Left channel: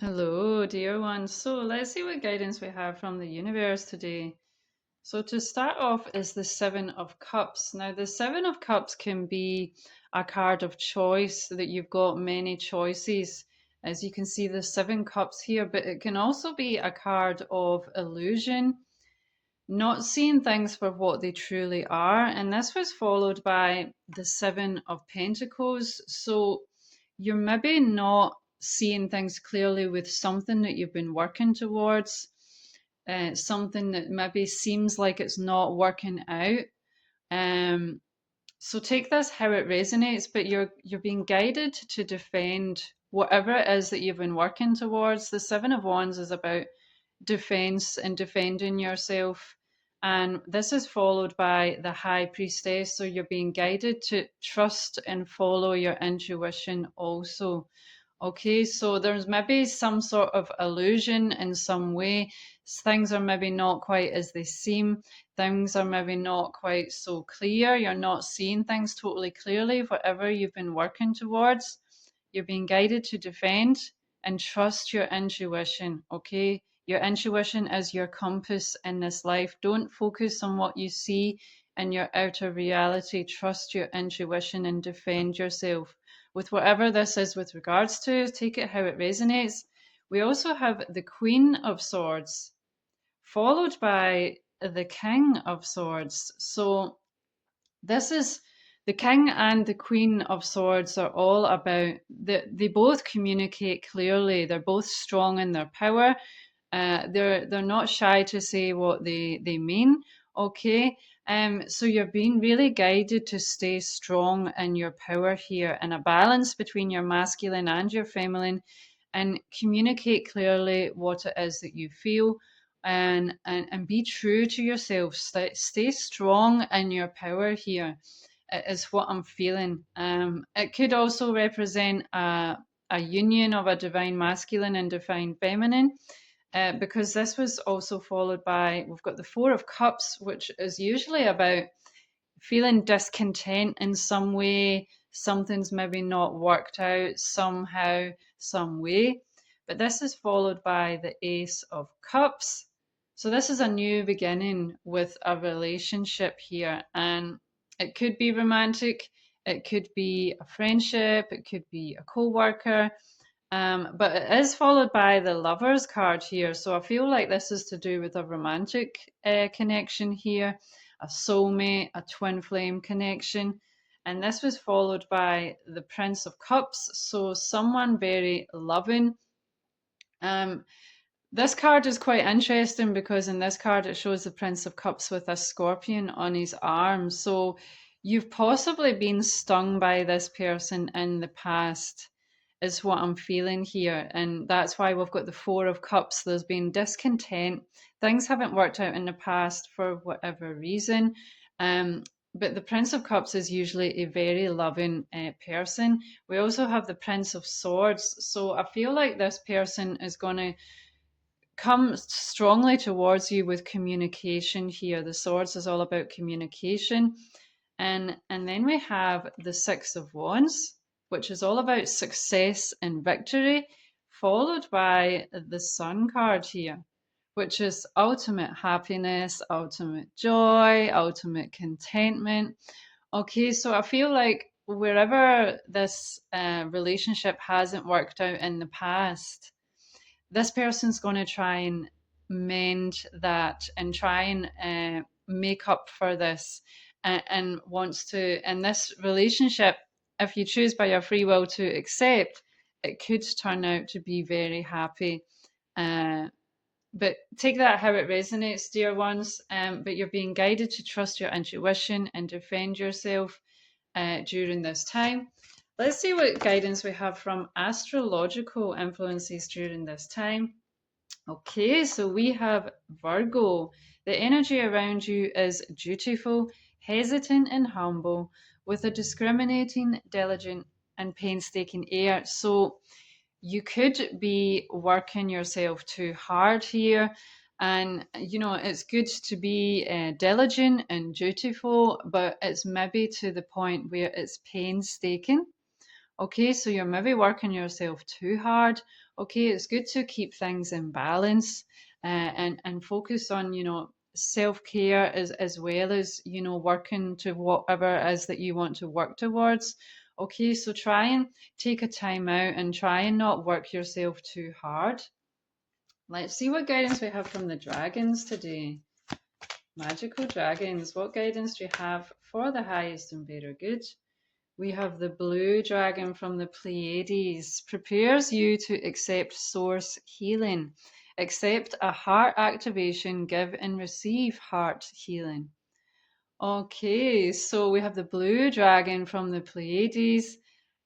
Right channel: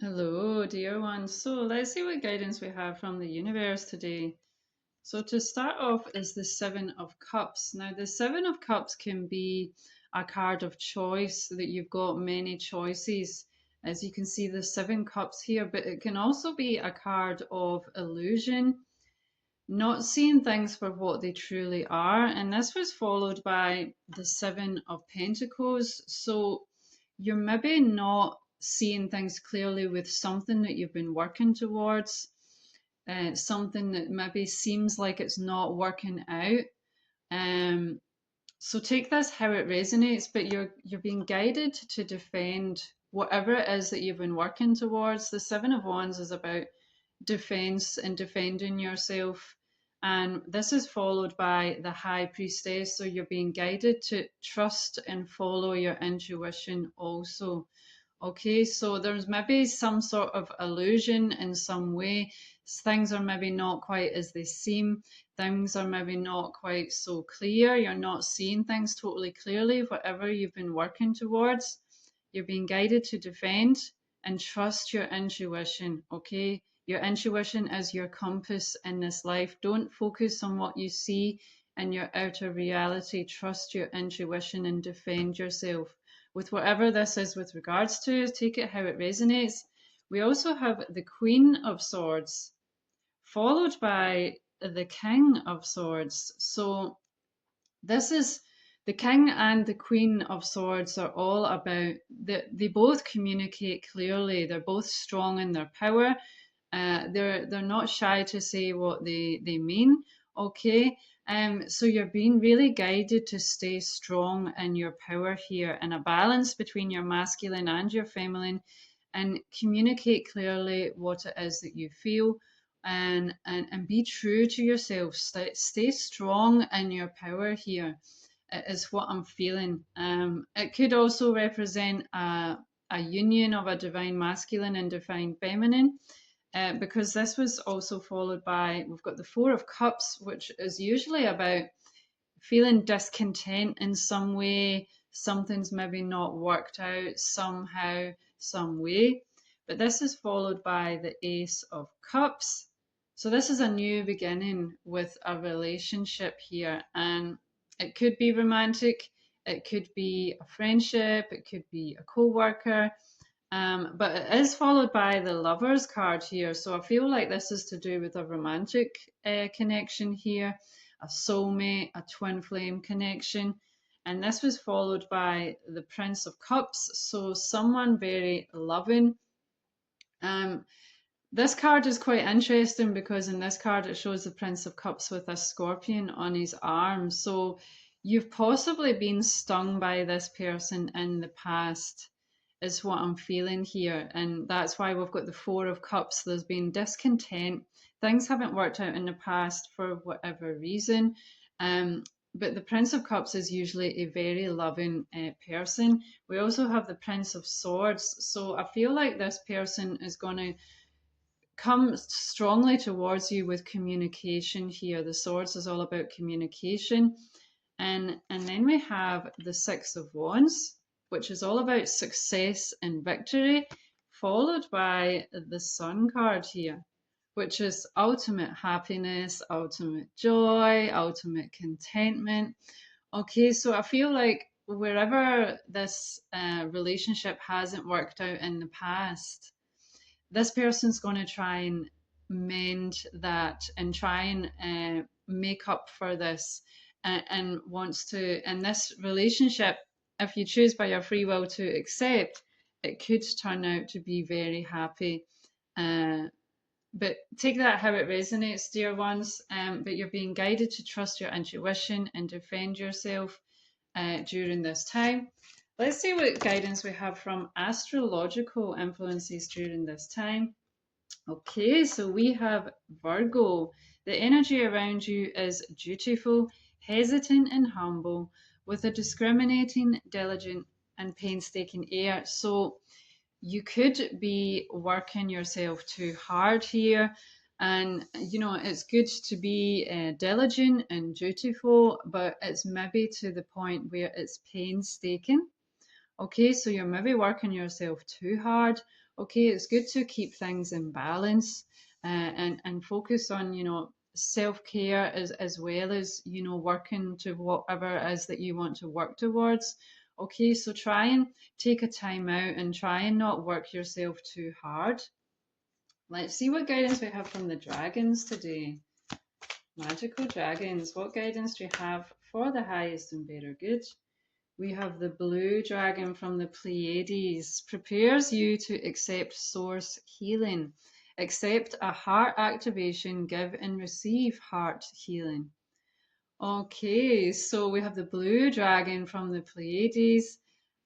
Hello, dear ones. So let's see what guidance we have from the universe today. So to start off is the Seven of Cups. Now, the Seven of Cups can be a card of choice, that you've got many choices. As you can see, the Seven Cups here, but it can also be a card of illusion, not seeing things for what they truly are. And this was followed by the Seven of Pentacles. So you're maybe not seeing things clearly with something that you've been working towards, something that maybe seems like it's not working out. Um, so take this how it resonates, but you're being guided to defend whatever it is that you've been working towards. The Seven of Wands is about defense and defending yourself. And this is followed by the High Priestess. So you're being guided to trust and follow your intuition also. Okay, so there's maybe some sort of illusion in some way. Things are maybe not quite as they seem. Things are maybe not quite so clear. You're not seeing things totally clearly, whatever you've been working towards. You're being guided to defend and trust your intuition. Okay, your intuition is your compass in this life. Don't focus on what you see in your outer reality. Trust your intuition and defend yourself with whatever this is with regards to. Take it how it resonates. We also have the Queen of Swords, followed by the King of Swords. So this is the King and the Queen of Swords are all about they both communicate clearly. They're both strong in their power. They're not shy to say what they mean. Okay. So you're being really guided to stay strong in your power here, and a balance between your masculine and your feminine, and communicate clearly what it is that you feel, and be true to yourself. Stay strong in your power here is what I'm feeling. It could also represent a union of a divine masculine and divine feminine, because this was also followed by, we've got the Four of Cups, which is usually about feeling discontent in some way. Something's maybe not worked out somehow, some way. But this is followed by the Ace of Cups. So this is a new beginning with a relationship here. And it could be romantic, it could be a friendship, it could be a co-worker. But it is followed by the Lovers card here. So I feel like this is to do with a romantic connection here, a soulmate, a twin flame connection. And this was followed by the Prince of Cups. So someone very loving. Um, this card is quite interesting because in this card it shows the Prince of Cups with a scorpion on his arm. So you've possibly been stung by this person in the past, is what I'm feeling here. And that's why we've got the Four of Cups. There's been discontent. Things haven't worked out in the past for whatever reason. Um, but the Prince of Cups is usually a very loving person. We also have the Prince of Swords. So I feel like this person is going to come strongly towards you with communication here. The Swords is all about communication. And then we have the Six of Wands, which is all about success and victory, followed by the Sun card here, which is ultimate happiness, ultimate joy, ultimate contentment. Okay, so I feel like wherever this relationship hasn't worked out in the past, this person's going to try and mend that and try and make up for this, and wants to, in this relationship, if you choose by your free will to accept, it could turn out to be very happy. uh, but take that how it resonates, dear ones. But you're being guided to trust your intuition and defend yourself during this time. Let's see what guidance we have from astrological influences during this time. Okay, so we have Virgo. The energy around you is dutiful, hesitant, and humble, with a discriminating, diligent, and painstaking air. So you could be working yourself too hard here. And, it's good to be diligent and dutiful, but it's maybe to the point where it's painstaking. Okay, so you're maybe working yourself too hard, Okay, it's good to keep things in balance, and focus on, self-care as well as, working to whatever it is that you want to work towards. Okay, so try and take a time out and try and not work yourself too hard. Let's see what guidance we have from the dragons today. Magical dragons, what guidance do you have for the highest and better good? We have the blue dragon from the Pleiades. Prepares you to accept source healing. Accept a heart activation, give and receive heart healing. Okay, so we have the blue dragon from the Pleiades.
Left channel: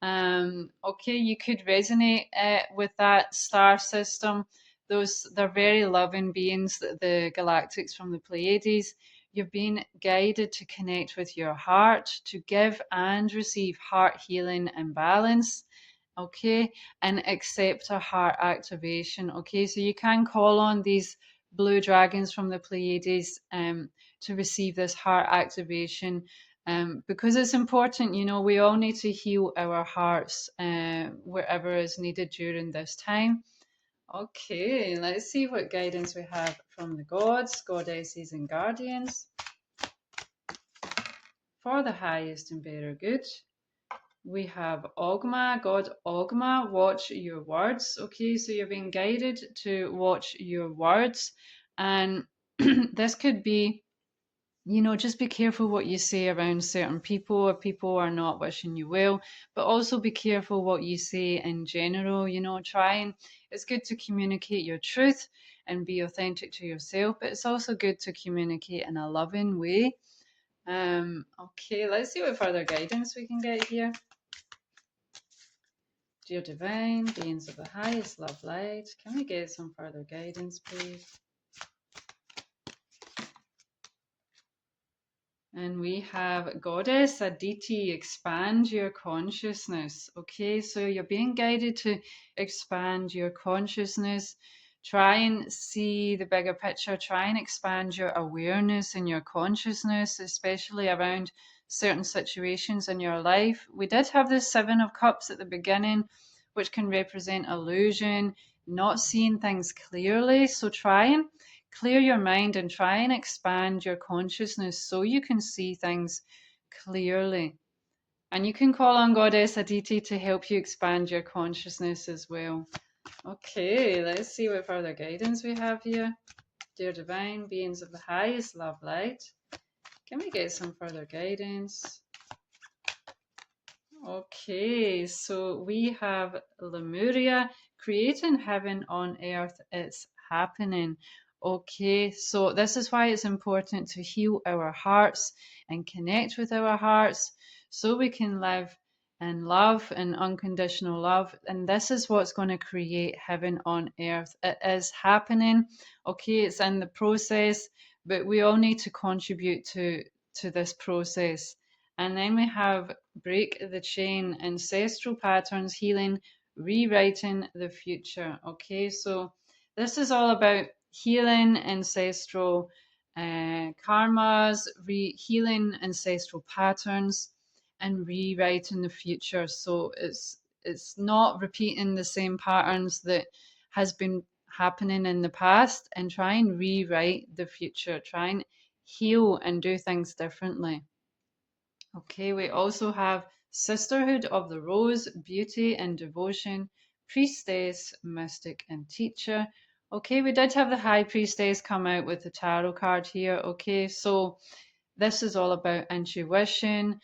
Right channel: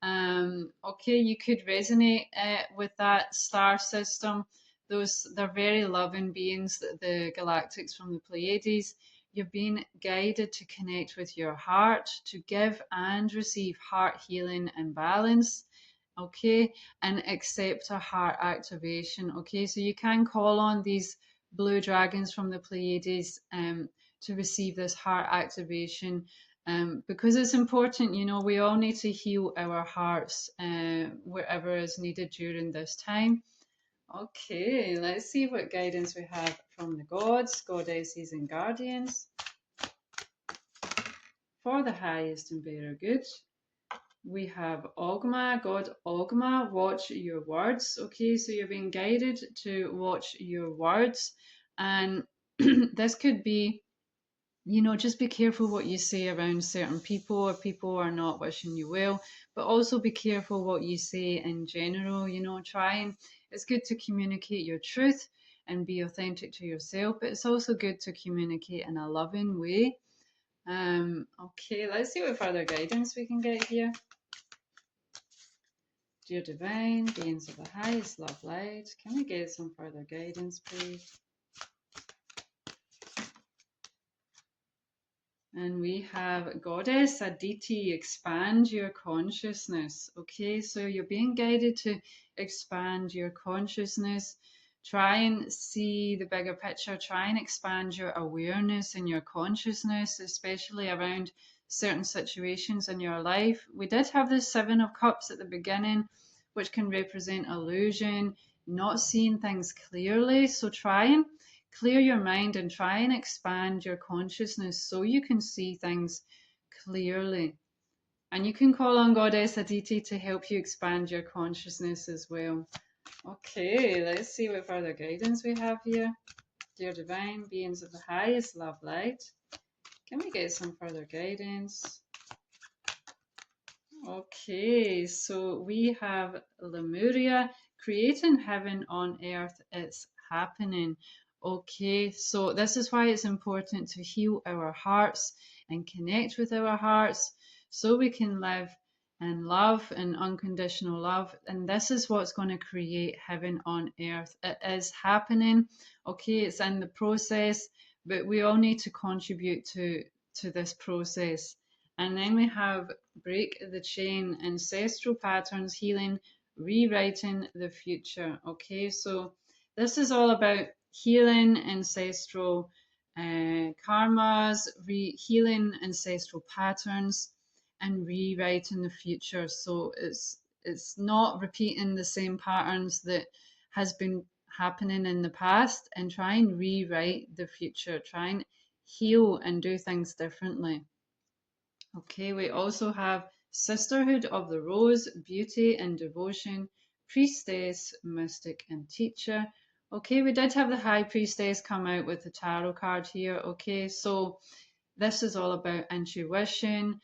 Okay, you could resonate with that star system. They're very loving beings, the galactics from the Pleiades. You've been guided to connect with your heart, to give and receive heart healing and balance. Okay, and accept a heart activation. Okay, so you can call on these blue dragons from the Pleiades. To receive this heart activation, because it's important. We all need to heal our hearts wherever is needed during this time. Okay, let's see what guidance we have from the gods, goddesses, and guardians for the highest and better good. We have Ogma, God Ogma, watch your words. Okay, so you're being guided to watch your words, and this could be, just be careful what you say around certain people, or people are not wishing you well, but also be careful what you say in general. Try and, it's good to communicate your truth and be authentic to yourself, but it's also good to communicate in a loving way. Okay, let's see what further guidance we can get here. Dear divine beings of the highest love light, can we get some further guidance, please? And we have Goddess Aditi, expand your consciousness. Okay, so you're being guided to expand your consciousness. Try and see the bigger picture. Try and expand your awareness and your consciousness, especially around certain situations in your life. We did have the Seven of Cups at the beginning, which can represent illusion, not seeing things clearly. So try and clear your mind and try and expand your consciousness so you can see things clearly. And you can call on Goddess Aditi to help you expand your consciousness as well. Okay, let's see what further guidance we have here. Dear divine beings of the highest love light, can we get some further guidance? Okay, so we have Lemuria, creating heaven on earth. It's happening. Okay, so this is why it's important to heal our hearts and connect with our hearts so we can live in love and unconditional love. And this is what's going to create heaven on earth. It is happening. Okay, it's in the process, but we all need to contribute to this process. And then we have break the chain, ancestral patterns, healing, rewriting the future. Okay, so this is all about healing ancestral karmas, healing ancestral patterns, and rewriting the future. So it's not repeating the same patterns that has been happening in the past, and try and rewrite the future. Try and heal and do things differently. Okay, we also have Sisterhood of the Rose, Beauty and Devotion, Priestess, Mystic and Teacher. Okay, we did have the High Priestess come out with the tarot card here. Okay, so this is all about intuition,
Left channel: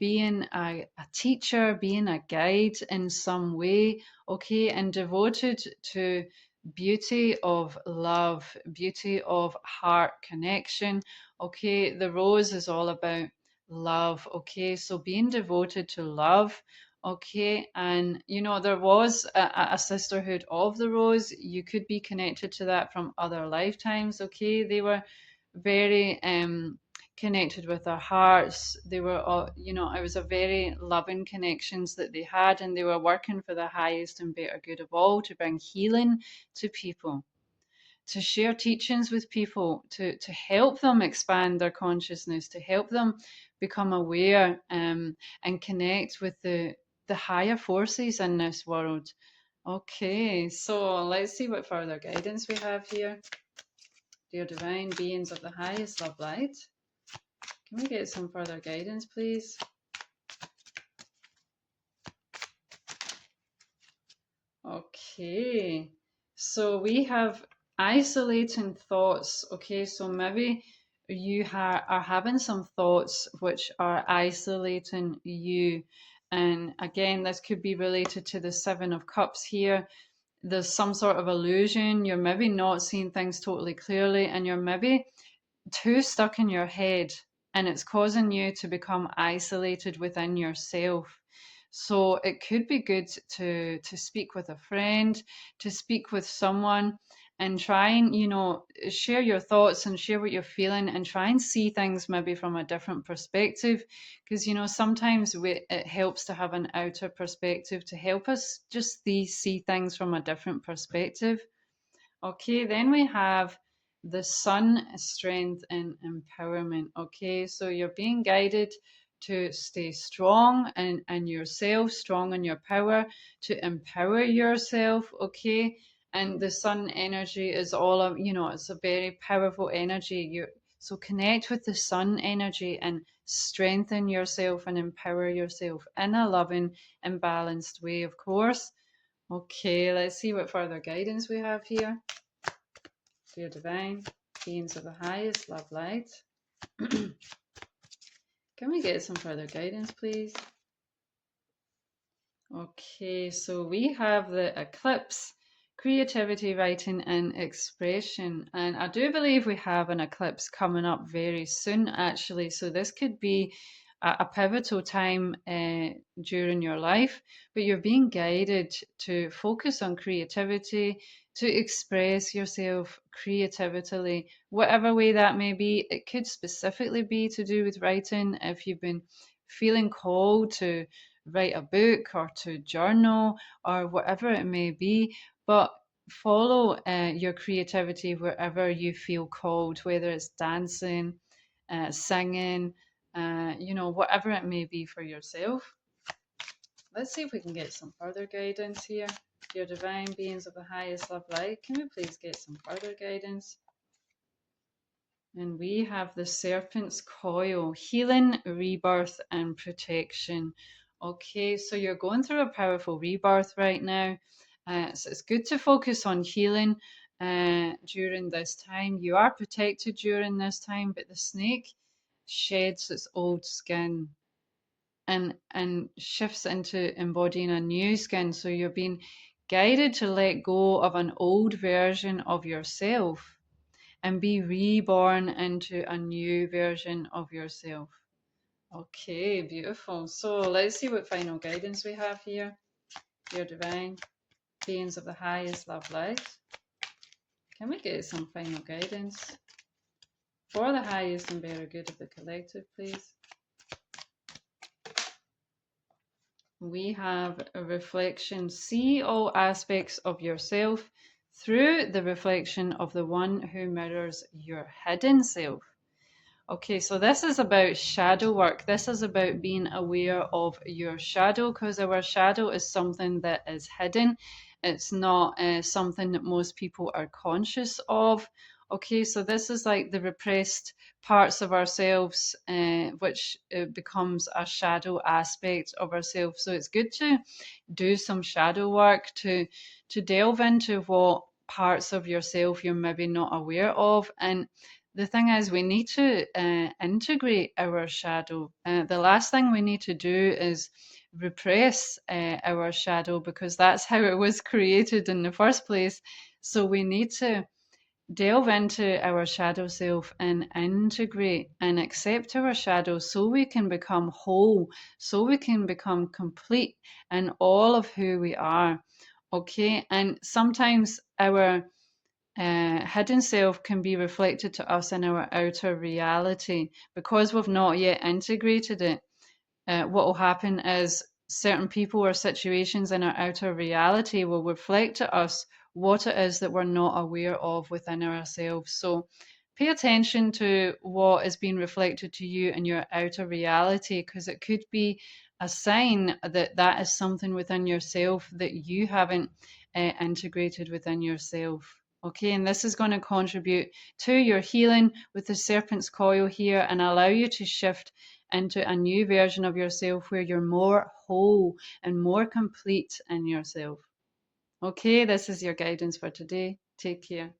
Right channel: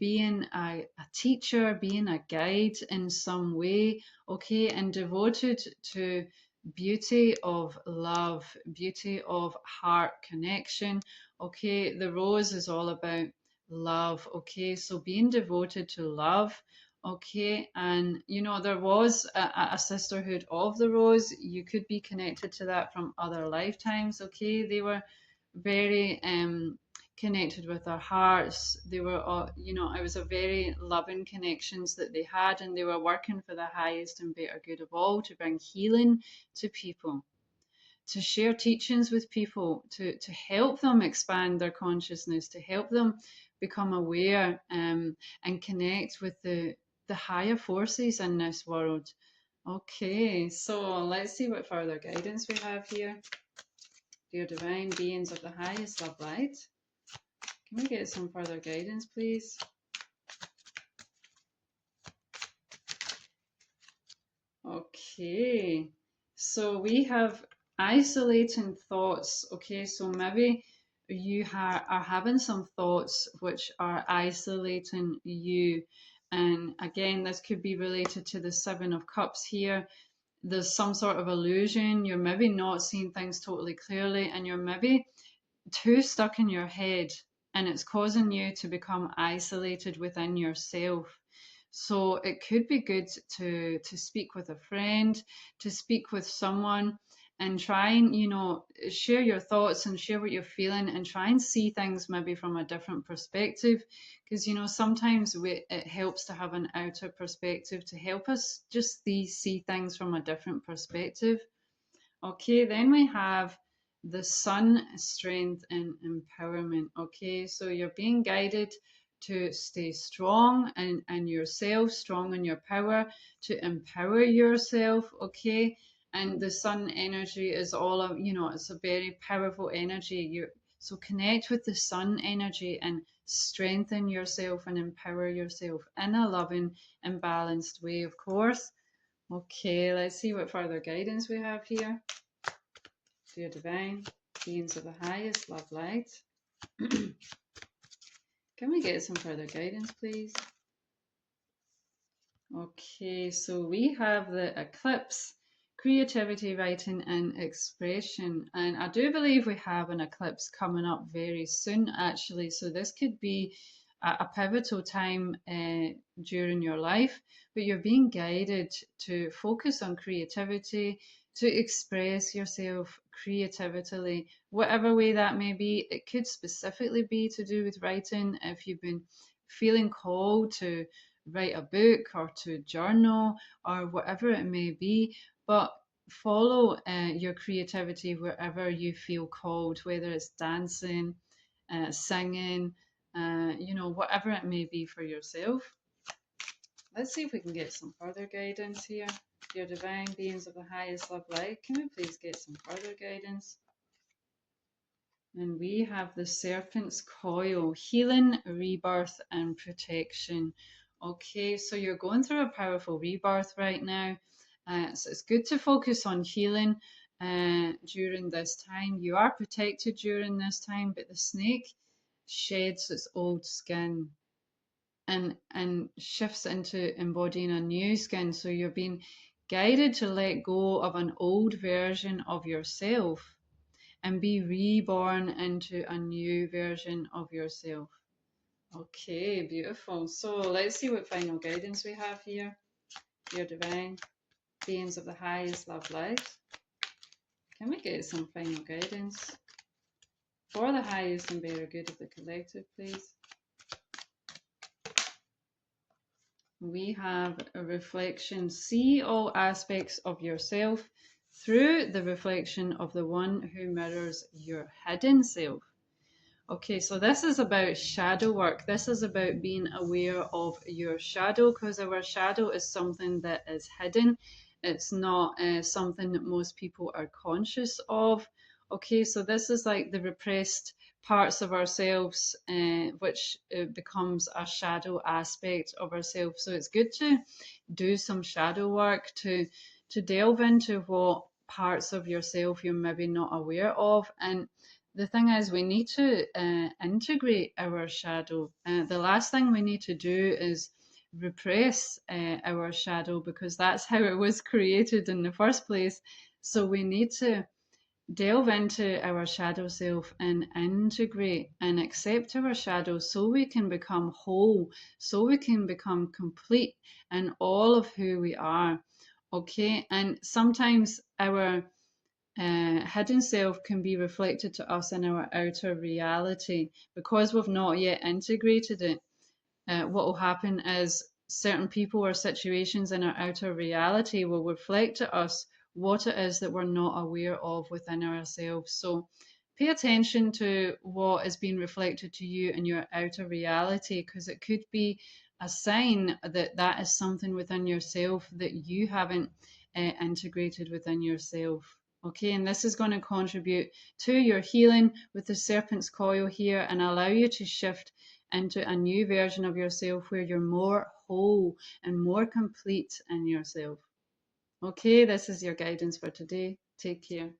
being a teacher, being a guide in some way, okay, and devoted to beauty of love, beauty of heart connection. Okay, the rose is all about love. Okay, so being devoted to love. Okay, and there was a sisterhood of the rose. You could be connected to that from other lifetimes. Okay, they were very connected with their hearts. They were all, it was a very loving connections that they had, and they were working for the highest and better good of all, to bring healing to people, to share teachings with people, to help them expand their consciousness, to help them become aware, and connect with the higher forces in this world. Okay, so let's see what further guidance we have here. Dear divine beings of the highest love light, can we get some further guidance, please? Okay, so we have isolating thoughts. Okay, so maybe you are having some thoughts which are isolating you. And again, this could be related to the Seven of Cups here. There's some sort of illusion. You're maybe not seeing things totally clearly, and you're maybe too stuck in your head, and it's causing you to become isolated within yourself. So it could be good to speak with a friend, to speak with someone, and try and share your thoughts and share what you're feeling, and try and see things maybe from a different perspective, because sometimes it helps to have an outer perspective to help us just see things from a different perspective. Okay, then we have the sun, strength, and empowerment. Okay, so you're being guided to stay strong and yourself, strong in your power, to empower yourself. Okay, and the sun energy is all of, it's a very powerful energy. So connect with the sun energy and strengthen yourself and empower yourself in a loving and balanced way, of course. Okay, let's see what further guidance we have here. Dear divine beings of the highest love light, can we get some further guidance, please? Okay, so we have the eclipse, creativity, writing, and expression. And I do believe we have an eclipse coming up very soon, actually. So this could be a pivotal time during your life, but you're being guided to focus on creativity, to express yourself creatively, whatever way that may be. It could specifically be to do with writing if you've been feeling called to write a book or to journal or whatever it may be, but follow your creativity wherever you feel called, whether it's dancing, singing, whatever it may be for yourself. Let's see if we can get some further guidance here. Dear divine beings of the highest love light, can we please get some further guidance? And we have the serpent's coil, healing, rebirth, and protection. Okay, so you're going through a powerful rebirth right now. So it's good to focus on healing during this time. You are protected during this time, but the snake sheds its old skin and shifts into embodying a new skin. So you're being guided to let go of an old version of yourself and be reborn into a new version of yourself. Okay, beautiful. So let's see what final guidance we have here. Dear divine beings of the highest love light, can we get some final guidance for the highest and better good of the collective, please? We have a reflection. See all aspects of yourself through the reflection of the one who mirrors your hidden self. Okay, so this is about shadow work. This is about being aware of your shadow, because our shadow is something that is hidden. It's not something that most people are conscious of. Okay, so this is like the repressed parts of ourselves, which becomes a shadow aspect of ourselves. So it's good to do some shadow work to delve into what parts of yourself you're maybe not aware of. And the thing is, we need to integrate our shadow. The last thing we need to do is repress our shadow, because that's how it was created in the first place. So we need to delve into our shadow self and integrate and accept our shadow, so we can become whole, so we can become complete in all of who we are. Okay, and sometimes our hidden self can be reflected to us in our outer reality, because we've not yet integrated it. What will happen is certain people or situations in our outer reality will reflect to us what it is that we're not aware of within ourselves. So pay attention to what is being reflected to you in your outer reality, because it could be a sign that that is something within yourself that you haven't integrated within yourself. Okay, and this is going to contribute to your healing with the serpent's coil here and allow you to shift into a new version of yourself where you're more whole and more complete in yourself. Okay, this is your guidance for today. Take care.